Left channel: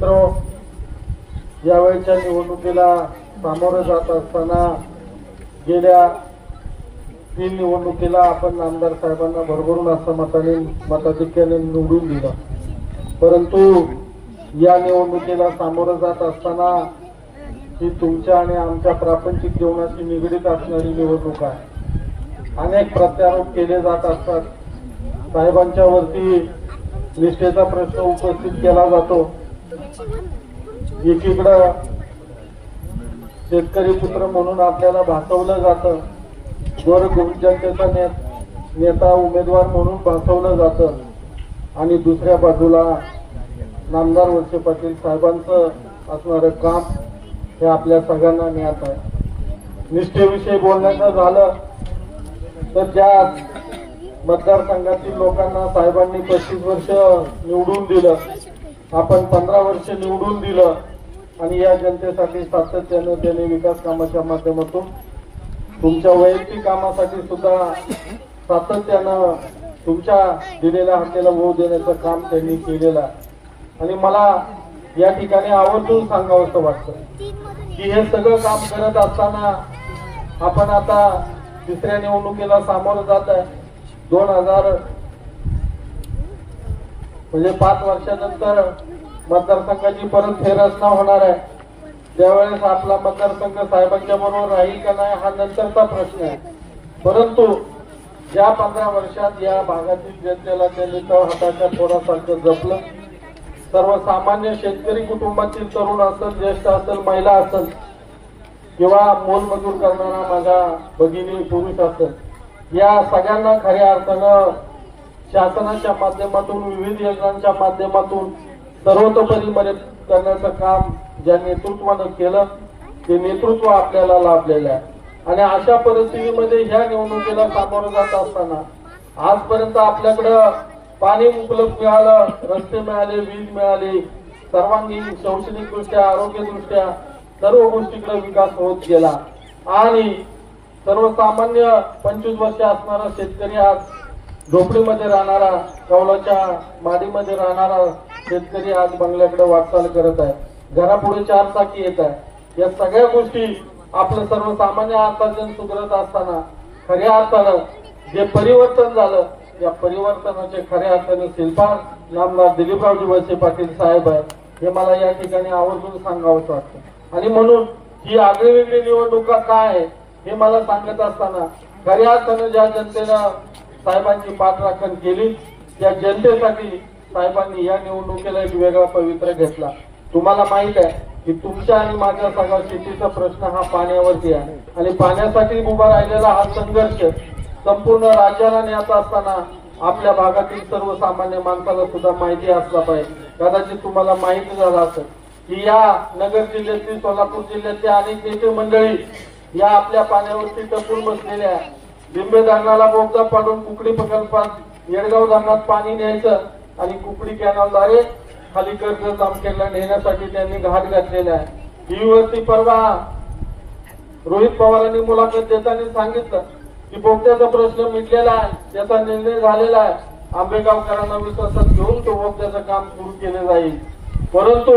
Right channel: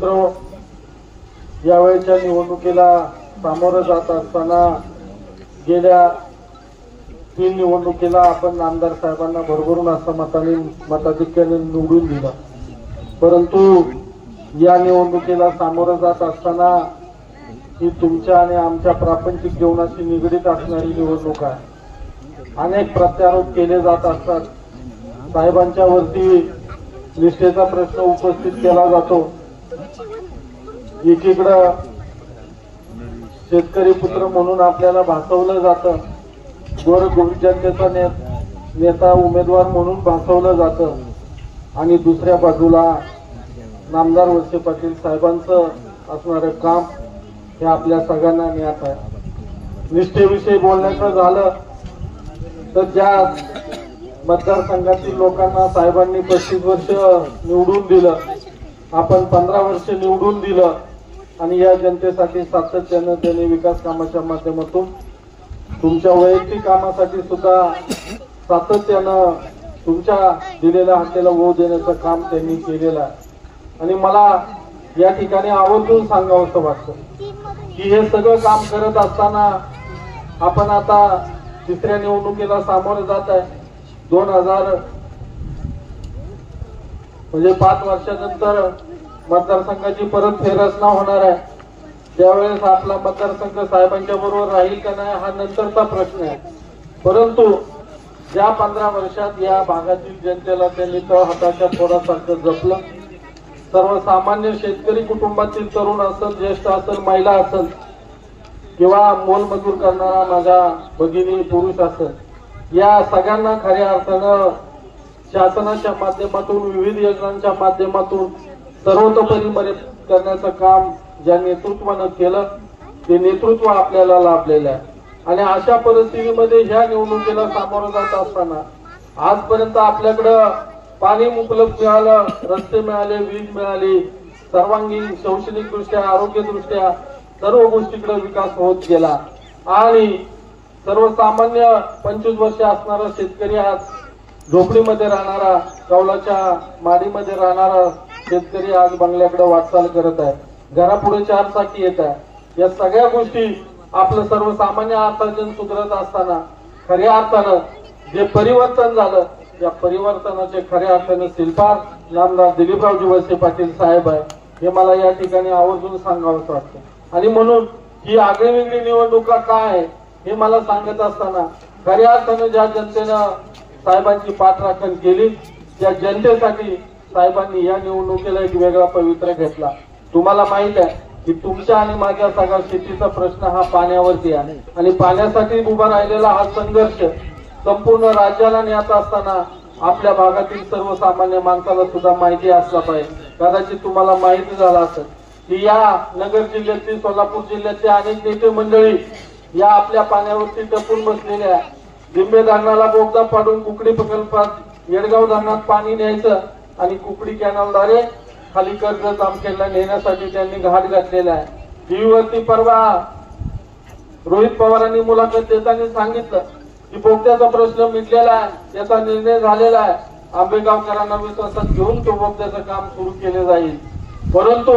मित्र, यावेळच्या निवडणुकीला सामोरं जात असताना गेल्या 3 निवडणुकीला आपण आमदार साहेबांना भरभरून असं मताधिक्याने निवडून दिलं, परंतु या निवडणुकीला सामोरं जात असताना ही तुमच्या आणि आमच्या प्रापंचिक जीवनाशी निगडीत असणारी निवडणूक आहे. अनेक प्रत्यारोप केले जात असतात. साहेबांच्या वरती निष्ठेचा प्रश्न उपस्थित केला जातो. एकीकडं शेतकरी पुत्र म्हणून आपल्याला भासवलं जातं, गोरगरिबांचा नेता उमेदवार म्हणून भासवलं जातं, आणि दुसऱ्या बाजूला नामदार वळसे पाटील साहेबांचं असणारं काम हे आपल्या सगळ्यांना ज्ञात आहे. निष्ठेविषयी बोलण्याचं झालं तर ज्या मतदारसंघातील लोकांना साहेबांनी 35 वर्ष निवडून दिलं, आपण 15 वर्ष निवडून दिलं, आणि या जनतेसाठी सातत्यानं त्यांनी विकास कामाच्या माध्यमातून तुमच्या वैयक्तिक कामासाठी सुद्धा सातत्यानं तुमच्या दिलेल्या हाकेला ओढ देण्याचं काम त्यांनी केलेलं आहे. आणि मला या ठिकाणी आवर्जून सांगावंसं वाटतं की हे सगळं काम करत असताना आपण आता तिसऱ्या निवडणुकीला सामोरं जात आहे. 2000 म्हणजे 5 वर्षानंतर मतदारसंघाची परत फेररचना होणार आहे. त्यावेळेस आपला मतदारसंघ साहेबांच्या बरोबर राहील का नाही हा नंतरचा प्रश्न आहे. परंतु ज्या 15 वर्षात या भागातील जनतेला त्यांनी हाताच्या पोरासारखं जपलं, सर्वसामान्य शेतकरी कुटुंबातील तरुण असेल, ज्येष्ठ असेल, महिला असेल, किंवा मोलमजूर करणारा माझ्या भगिनी पुरुष असेल, या सगळ्यांना खऱ्या अर्थानं शासनाच्या माध्यमातून विविध योजनांच्या माध्यमातून सर्वतोपरी मदत करण्याचं काम ज्या नेतृत्वानं केलं ते नेतृत्व आपल्याला लाभलेलं आहे. आणि अशा परिस्थितीमध्ये ह्या निवडणुकीला सामोरं जात असताना आजपर्यंत आपल्याकडं पाणी उपलब्ध मिळालं, रस्ते मिळाले, वीज मिळाली, सर्वांगीण शैक्षणिक दृष्ट्या, आरोग्यदृष्ट्या सर्व गोष्टीकडे विकास होत गेला. आणि सर्वसामान्य 25 वर्ष असणारा शेतकरी आज झोपडीमध्ये राहणारा, कौलाच्या माडीमध्ये राहणारा शेतकरी आज बंगल्याकडे वाटचाल करत आहे. घरापुढे 4 चाकी येत आहे. या सगळ्या गोष्टी आपलं सर्वसामान्य अर्थार्जन सुधारत असताना खऱ्या अर्थानं जे परिवर्तन झालं, या परिवर्तनाचे खऱ्या अर्थाने शिल्पकार नामदार दिलीपरावजी वळसे पाटील साहेब आहे, हे मला या ठिकाणी आवर्जून सांगावंसं वाटतं. आणि म्हणून ही आगळीवेगळी निवडणुका काय आहे हे मला सांगत असताना खऱ्या अर्थानं ज्या जनतेनं साहेबांची पाठराखण केली, त्या जनतेसाठी साहेबांनी या निवडणुकीला एक वेगळा पवित्रा घेतला. तुम्हाला माहित आहे की तुमच्या आणि माझ्या सगळ्या शेतीचा प्रश्न हा पाण्यावरती आहे, आणि पाण्यासाठी उभा राहिलेला हा संघर्ष संपूर्ण राज्याला नेत असताना आपल्या भागातील सर्वसामान्य माणसाला सुद्धा माहिती असला पाहिजे. कदाचित तुम्हाला माहिती झालं असेल की या नगर जिल्ह्यातील, सोलापूर जिल्ह्यातले अनेक नेते मंडळी या आपल्या पाण्यावरती टपून बसलेल्या. लिंबे धरणाला बोगदा पाडून कुकडी प्रकल्पात येडगाव धरणात पाणी न्यायचं आणि कुकडी कॅनलद्वारे खाली कर्जत जामखेडला नेण्यासाठी त्यांनी घाट घातलेला आहे. टीव्हीवरती परवा रोहित पवारांनी मुलाखत देताना सांगितलं की बोगद्याचा प्रश्न मिटलेला आहे, त्याचा निर्णय झालेला आहे, आंबेगावकरांना विश्वासात घेऊन तो बोगद्याचं काम सुरू केले जाईल. परंतु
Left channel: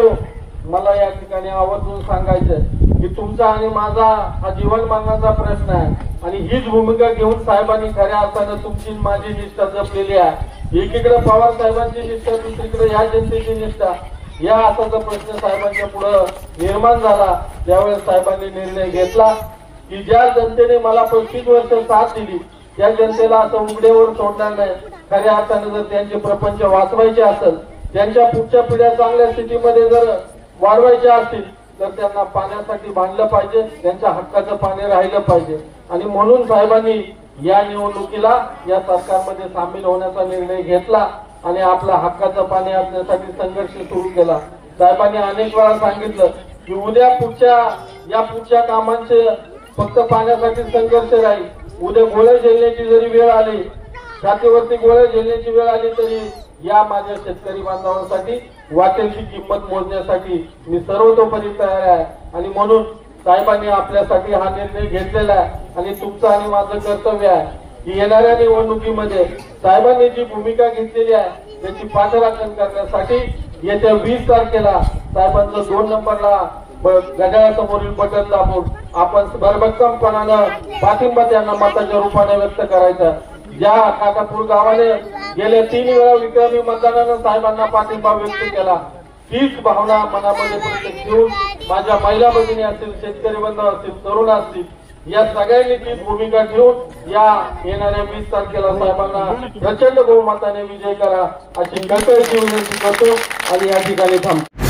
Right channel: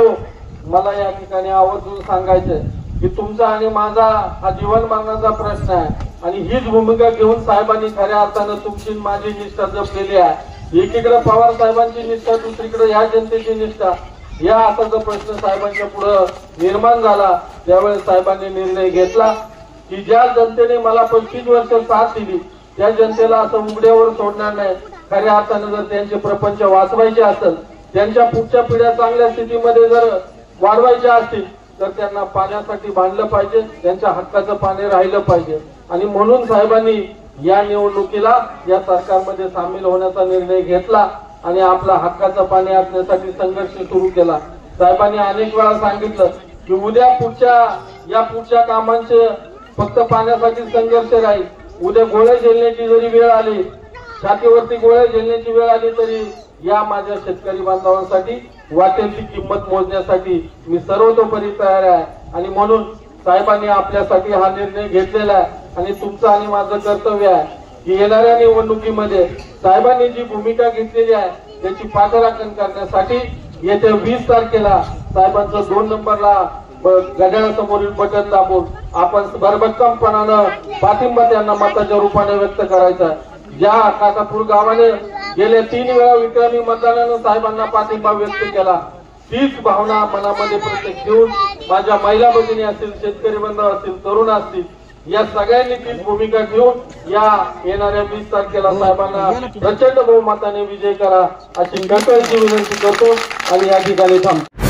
मला या ठिकाणी आवर्जून सांगायचंय की तुमचा आणि माझा हा जीवन मरणाचा प्रश्न आहे, आणि हीच भूमिका घेऊन साहेबांनी खऱ्या अर्थानं तुमची माझी निष्ठा जपलेली आहे. एकीकडे पवार साहेबांची निष्ठा, दुसरीकडे ह्या जनतेची निष्ठा, या असाचा प्रश्न साहेबांच्या पुढे निर्माण झाला. त्यावेळेस साहेबांनी निर्णय घेतला की ज्या जनतेने मला 25 वर्ष साथ दिली त्या जनतेला असं उघड्यावर सोडणार नाही. खऱ्या अर्थाने जर त्यांचे प्रपंच वाचवायचे असेल, त्यांच्या पुढच्या पिढ्या चांगल्या स्थितीमध्ये जर वाढवायच्या असतील, तर त्यांना पाण्यासाठी बांधलं पाहिजे, त्यांच्या हक्काचं पाणी राहिलं पाहिजे. आणि म्हणून साहेबांनी या निवडणुकीला या सरकारमध्ये सामील होण्याचा निर्णय घेतला आणि आपला हक्काचं पाणी असण्यासाठी संघर्ष सुरू केला. साहेबांनी अनेक वेळा सांगितलं की उद्या पुढच्या कामांचे फक्त पाण्यासाठी संघर्ष राहील. उद्या गोळ्या झेलण्याची जरी वेळ आली, छातीवरती गोळ्या झेलण्याची वेळ आली, तरी या माझ्या शेतकरी बांधवांसाठी वाटेल ती किंमत मोजण्यासाठी मी सर्वतोपरी तयार आहे. आणि म्हणून साहेबांनी आपल्यासाठी हा निर्णय घेतलेला आहे. आणि तुमचं आणि माझं कर्तव्य आहे की येणाऱ्या निवडणुकीमध्ये साहेबांनी जी भूमिका घेतलेली आहे त्याची पाठराखण करण्यासाठी येत्या 20 तारखेला साहेबांचं 2 नंबरला घड्याळासमोरील बटन दाबून आपण भरभक्कमपणानं पाठिंबा त्यांना मताच्या रूपाने व्यक्त करायचा। ज्या खाटापूर गावाने गेल्या 3 वेळा विक्रमी मतदानानं साहेबांना पाठिंबा व्यक्त केला, तीच भावना मनामध्ये प्रत्येक घेऊन माझ्या महिला भगिनी असतील, शेतकरी बांधव असतील, तरुण असतील, या सगळ्यांनी तीच भूमिका घेऊन या येणाऱ्या 20 तारखेला साहेबांना प्रचंड बहुमताने विजय करा अशी कळकळीची विनंती करतो आणि या ठिकाणी थांबतो।